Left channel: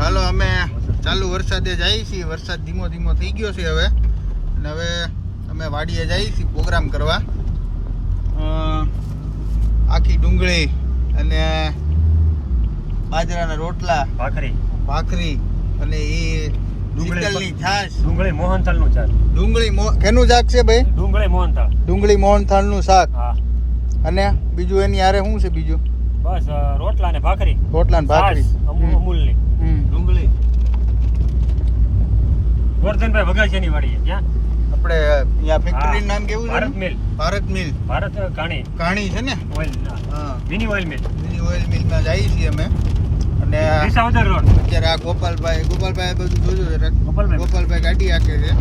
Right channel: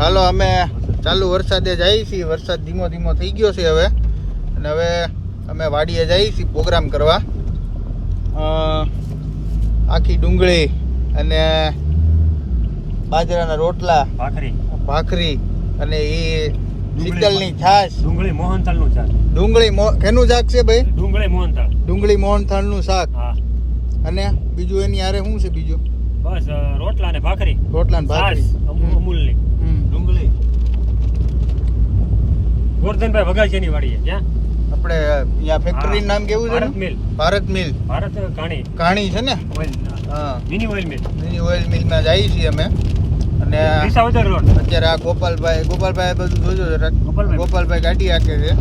હાલો અમે ચાલુ વરસાદે જઈએ છીએ. વરસાદ ધીમો ધીમો થઈ ગયો છે હવે, અને હવે અમે વાડીએ જઈએ છીએ પ્રોગ્રામ કરવા. આખી ડુંગળી અને બાજરાના રોટલા, ભાખરી અને એ શીતલની છાશ. ડુંગળી મોહનથાળનું શાક. કેનું શાક છે ભાઈ? ડુંગળી મોહનથાળનું શાક. હા. અને બીજું એની હારે શું છે બીજું? બસ રોટલા ને ભાખરી. ભાખરી અમૂલની ડુંગળી. ગોરધનભાઈ વઘાસિયાની વાડી છે ત્યાં. આપણે અહીંયા ફેક્ટરી નામ કેવું છે? ભારત મિલ. ભારત કાણી છે ને? ઓઇલ. હા, મિની ઓઇલ મિલ માં જઈએ છીએ અમે. અને વિસાવદર રોડ. અત્યારે આ ગોપાલભાઈ બધું જોજો જરાક. ગોપાલભાઈ ગાડી હાકે છે,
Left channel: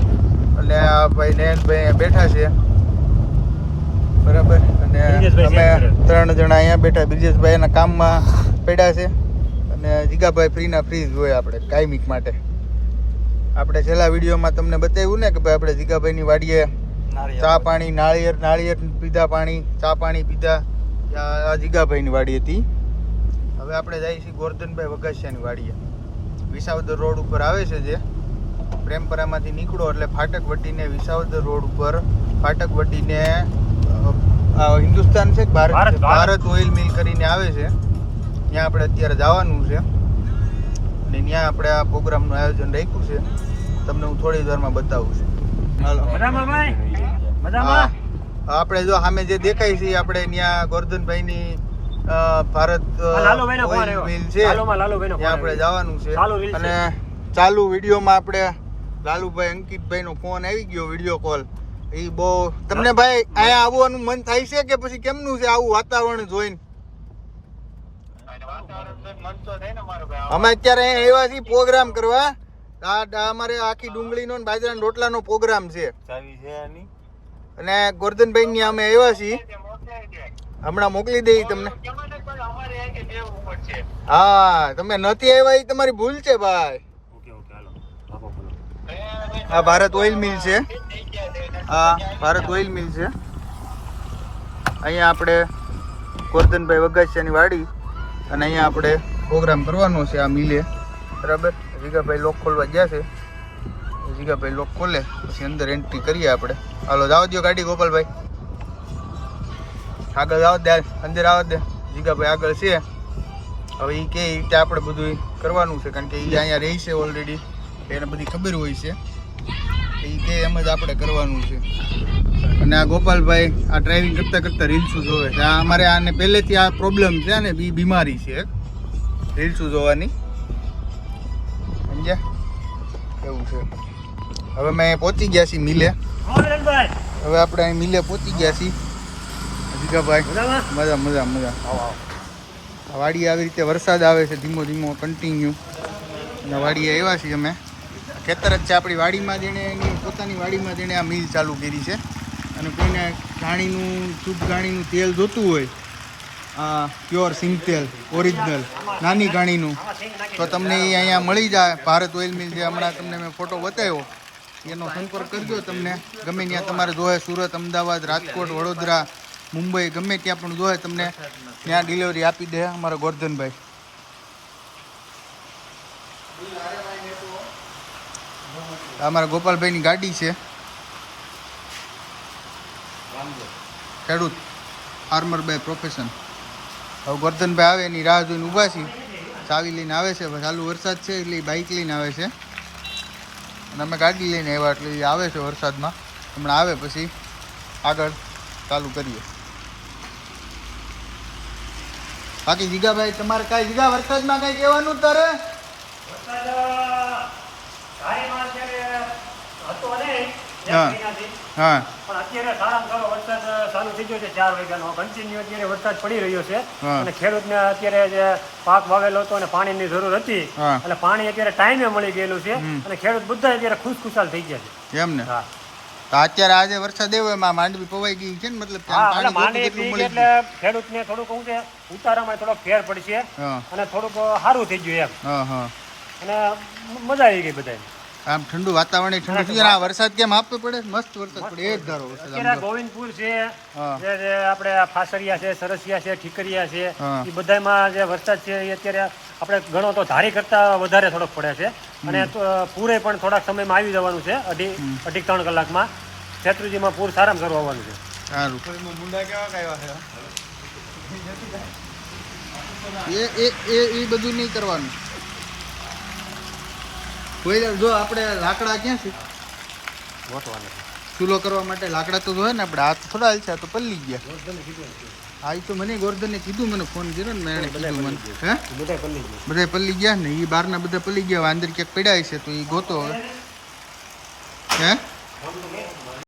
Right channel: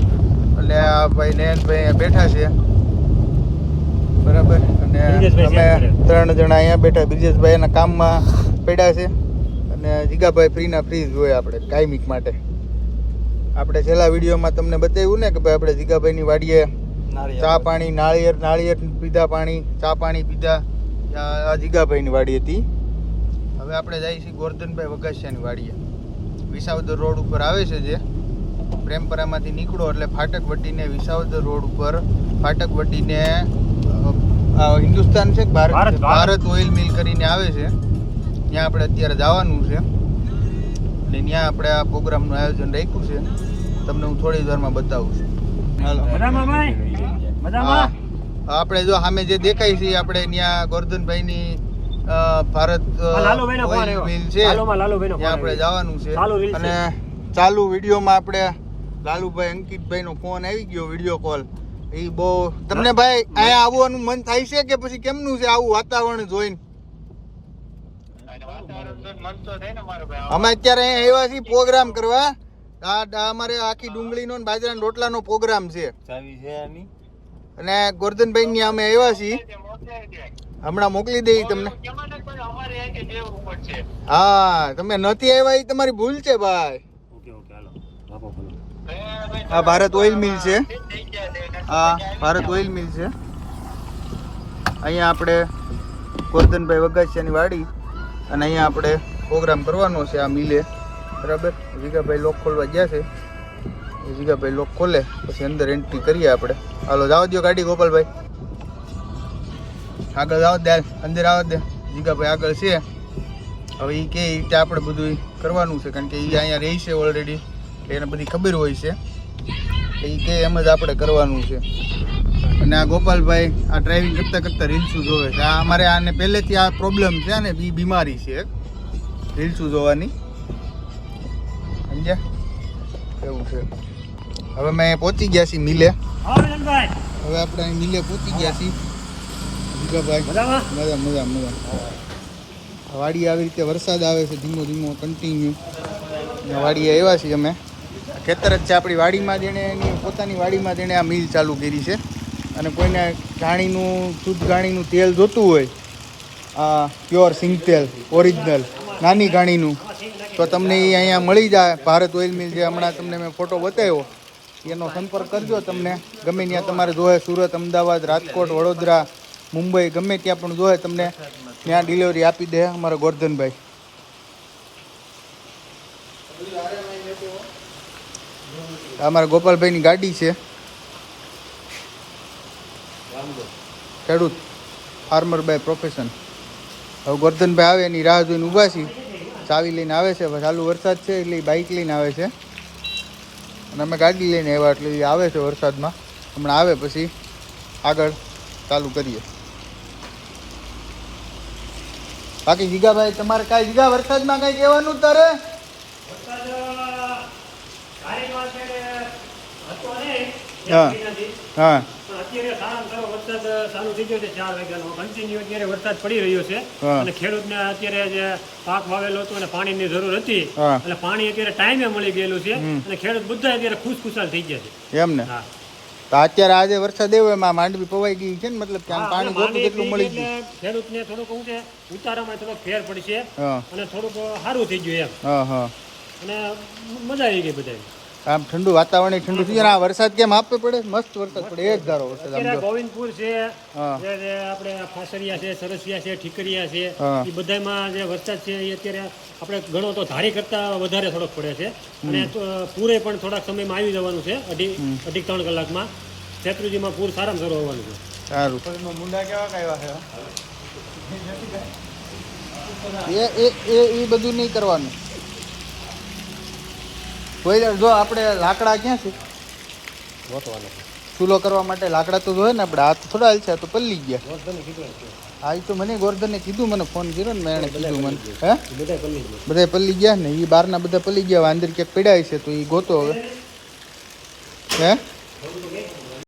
એટલે આ ભાઈ નયનભાઈ બેઠા છે બરાબર. અને અમે 3 જણા અહીંયા બેઠા. બ્રિજેશભાઈ એના કામમાં પડ્યા છે, અને જીગાભાઈ ફ્રી હોય આપણે કાયમિક માટે. આપણે છેલ્લા વિડીયોમાં તમને બતાવ્યું ને કે ભાઈ આપણે જીગાભાઈની વાડીએ ચા પાણી, નાળિયેર પીધા, ચા પાણી પીધા. આ જીગાભાઈની વાડી હતી. હવે આપણે જઈએ છીએ ગોરધનભાઈ વઘાસિયાની વાડીએ. વિસાવદર રોડ ઉપર આવે છે, જે પ્રેમપરામાંથી નીકળો એટલે ફાટક વટીને વિસાવદર રોડ ઉપર ફાટક વટીને હિન્દુસ્તાન છે, ભારત ઓઇલ મિલ કરીને આવે છે. ત્યાં આપણે અત્યારે જવાનું છે, અને ત્યાં આપણે આ પ્રોગ્રામનું આયોજન રાખ્યું છે. તમને હું થોડી વારમાં બતાવું છું. આપણે જો સામે જે દેખાય છે આપણે ત્યાં ગોરધનભાઈની ભારત ઓઇલ મિલ છે, ત્યાં આપણે જવાનું છે. અને ચાલુ વિડીયોમાં આપણે લાલુભાઈ અંકિતભાઈ નો ફોન આવી ગયો, વિડીયો કોલ. એ બહુ તમને ભાઈ અહીંયા આવવાનું મન થાય છે કે પછી કેમનું છે આવું વાતાવરણ જોઈને? અમે અત્યારે અહીંયા આવ્યા છીએ પ્રોગ્રામ કરવા. અમારે આખી ડુંગળીનો ને બાજરાના રોટલાનો પ્રોગ્રામ છે, અને ગોરધનભાઈ ની અમે આવ્યા છીએ. હમણાં મોકલી દઈ તમને. હા, તમે નથી આવ્યા એ તમારી ભૂલ છે ભાઈ. આ ભારત ઓઇલ મિલ છે. અહીંયા આપણે ગોરધનભાઈ વઘાસિયાની વાડી, અને અહીંયા આપણે પ્રોગ્રામ કરવાનો છે આ મિલે બરાબર. જીગાભાઈ લોક ખોલવા ગયા છે. જીગાભાઈ લોક ખોલે પછી અંદર એન્ટ્રી કરીએ આપણે. હાલો જાવ દો ગાડી ગોપાલભાઈ, આગળ આવો દે, અંદર આવો દે. જીગાભાઈ આગળ છે. હવે એ કે આપણે બધું કરવાનું છે, કારણ કે એ અહીંયા રહે છે ઓલરેડી, એને બધી ખબર હોય છે. એ કે એમ જ આપણે કરવાનું છે. અને આ ગોપાલભાઈ આ ડ્રાઇવિંગ કરતા રીલ્સું જોવે છે. આ અમારે આને પહેલેથી આ પ્રોબ્લેમ છે ને, એ બીમારી છે રીલ્સું જોવાની, સમજ્યા? એવું છે. હવે મેં પહોંચી ગયા છીએ મિલે. હવે આપણે અહીં મિલે પહોંચી ગયા છીએ. જીગાભાઈ મજા. વાડી આવી રીતે વરસાદ આવે છે ધીમો ધીમો કન્ટિન્યુ. અને વાડીએ આવ્યા છીએ અમે. ખેતર જ છે આપણી વાડીમાં, જેણે એની પોતાની વાડીમાં જેણે આ મિલ ચાલુ કરી છે. અને કોઈને શુદ્ધ ઘાણીનું તેલ જોતું હોય, પ્યોર સિંગ તેલ ઓરિજિનલ નાની ઘાણીનું, તો તમને એ અહીંયા મળી જાય. ભારત ઓઇલ મિલ જે હમણાં તમને મેં ફોટો બતાવ્યો, એનો સંપર્ક કરજો. તમને ગમે ત્યાં તમારે જોવે, સુરત, અમદાવાદ, રાજકોટ, વડોદરા, મુંબઈ, ગમે ત્યાં પણ જોવે તમને ત્યાં ડિલિવરી આપી દે અમારા ગોરધનભાઈ. અમારા ગોપાલભાઈની ગાડી છે. ખેડૂત, ફાર્મર બાય પ્રોફેશન. હવે ગોરધનભાઈ આવે એની રાહ જોઈને ઊભા છીએ. ચાવી લઈને આવે છે, ચાલુ વરસાદ છે એટલે બાઇક લઈને આવે છે, અને અમે ગાડી લઈને આવ્યા એટલે એ આવે છે વરસાદમાં. હમણાં આવે પછી આગળ ચાલુ કરીએ. બાકી જીગાભાઈ તમારે કાંઈ જીગા વરસાદમાં કંઈ કહેવાનું તારે? હા, અત્યારે સારામાં સારો વરસાદ ચાલુ થઈ ગયો છે 4 વાગ્યાનો. કન્ટિન્યુ અત્યારે વરસાદ પડી રહ્યો છે, અને ખેડૂતને અત્યારે જે પાક વાવેલો હતો અને પાણીની જરૂર હતી, એટલે પાણી અત્યારે ટાઈમે મળી ગયેલું છે, અને ખેડૂત બધા અત્યારે ખુશખુશાલ થઈ ગયા છે. એમ ને? હા. તો અત્યારે આજે વરસાદ એવો એમાં માંડવી પવાઈ ગઈ છે ને, મતલબ પાણી એટલે ખેડૂતને થોડુંક શું છે, ઉતારામાં થોડોક ફેર પડશે, અને થોડુંક સારું થઈ ગયું એમ, અને મજા આવી ગઈ બધાને. આમ ઠંડુ વાતાવરણ ઠંડુ થઈ જાય. આ વરસાદ કેમ આપે પડે? મસ્ત વરસાદ પડે, એક ધારો વરસાદ. આમ અત્યારે જો. ગોવિંદપુર છે, હા. જે આપણે આ ફાસરિયા છે, સરસિયા છે, ઠીકરિયા છે, હા. એ બધામાં જે વરસાદ છે એ અત્યારે આપણે ગણો તો ધારી કરતા વધારે થોડોક પડે છે. અને પૂરે પણ થોડાક સમયમાં આવી જવાનું છે, અઢી 3 કલાકમાં. શેત્રુંજીમાં પૂર સારામાં સારું આવવાનું છે. સારું. એ બધું નહીં કરવાનું. કોઈ જો આપણે લાકડા ક્યાં છે ચૂલો કરવા માટે? લાકડા તો જોઈએ ને આપણે. હાથ થોડા હાલ છે, આ તો પલ્લી ગયા. હા, એ તો મને ગોરધને કીધું, મને ફોન કર્યો ને, મેં એને કીધું મને. હે બધા પલ્લી ગયા ને, એ બહારના બધા પલ્લી ગયા. અંદર ક્યાંક પડ્યા છે તો એ ગોતો હવે. હે